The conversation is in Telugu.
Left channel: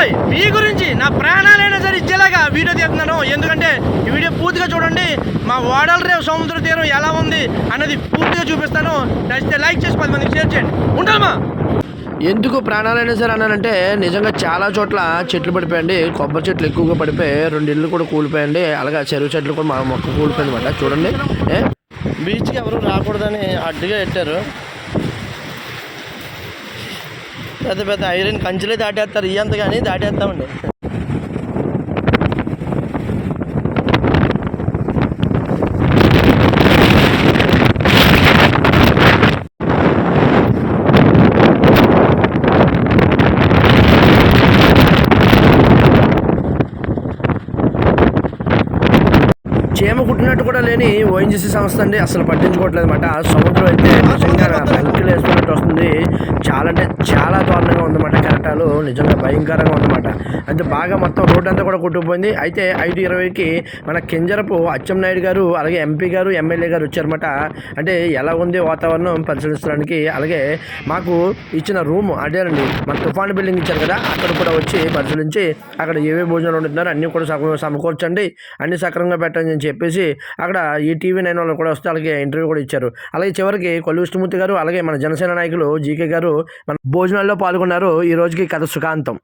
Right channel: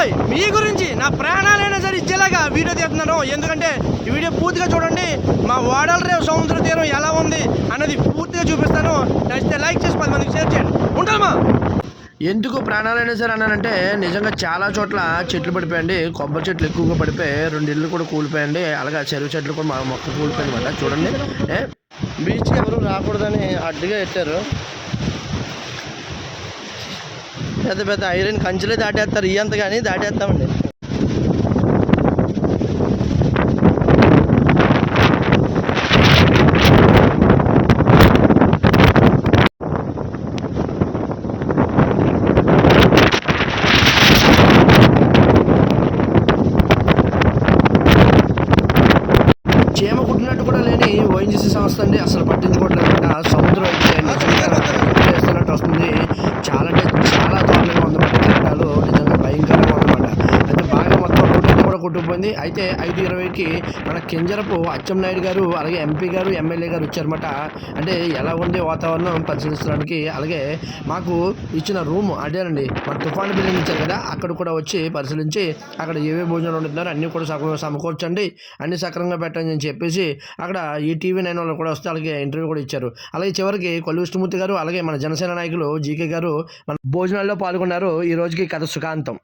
బాబాయ్ మీ గురించి నా ప్రాణాలైనా సరే ఇచ్చేలాగా వీడియో తీస్తున్నాను. ఎందుకంటే ఈ వీడియో పూర్తిగా చూడండి. మా వాడల రేవు సముద్ర తీరం ఎలా ఉంది అన్నది పూర్తిగా చూపిస్తాను. నచ్చితే లైక్ చేసి పది మందికి షేర్ చేయండి. ఉంటామా? ఎందుకు ప్రాణాలైనా సరే అన్నానంటే నిజంగా చాలా చోట్ల చెట్లు పడిపోయండి కొబ్బరి చెట్లు ఎక్కువగా పడిపోయి రెండు ఇళ్ళు కూడా కూలిపోయండి అలాగే చెరువు చెట్లు కూడా మా మొక్క కూలిపోయింది చూడండి? బీచ్కి ఎవరు రాకూడదని అడ్డుగా పెట్టారు. పెద్ద పెద్ద ఐరన్ కంచెలే దాటేస్తారు ఇయ్యంత కానీ దాటేస్తామండి. చీమ కుట్టినట్టు కూడా లేని ఓఎన్జీసీ సంస్థ అండి. అసలు పట్టించుకోవట్లేదు అనమాట. సముద్రం అయితే నిజంగా వేస్తున్నట్టు వస్తుంది. చాలా అంటే చాలా దారుణంగా ఉందన్నమాట. కెరటాలు నిజంగా భయంకరంగా ఉందన్నమాట. అంటే బాగా మొత్తం రోడ్డు అంతా కూడా కొట్టుకుపోయింది. అయితే ఐదు ఇరవైకి మన కింజరపు అచ్చెన్నాయుడు గారు అలాగే ఎంపీ గారు ఎమ్మెల్యే గారు వచ్చారన్నమాట. అంటే ఎలా ఉంది వాతావరణం పరిశీలించడానికి? అలాగే మాకు ఇచ్చిన రూమ్ అదేనండి మన తుఫాను బిల్డింగ్ ఇచ్చారు కదా అక్కడ కూడా వచ్చి పరిశీలించి అక్కడ ఏవే భోజనాలు ఉంటున్నారో అన్నీ కూడా సమకూర్చండి. అన్ని సక్రమంగా పెట్టండి అని చెప్పేసి అక్కడ ఈ టీవీ నైన్ వాళ్ళు కూడా వస్తే అలాగే ఇంటర్వ్యూ కూడా ఇచ్చారు. అలాగే చివరికి కొల్లు విష్ణుమూర్తి గారు అలాగే మన జనసేన నాయకులు జీకే గారు మన భోజనాల్లో పాల్గొన్నారు. ఈ రోజుకి కథ సుఖాంతం.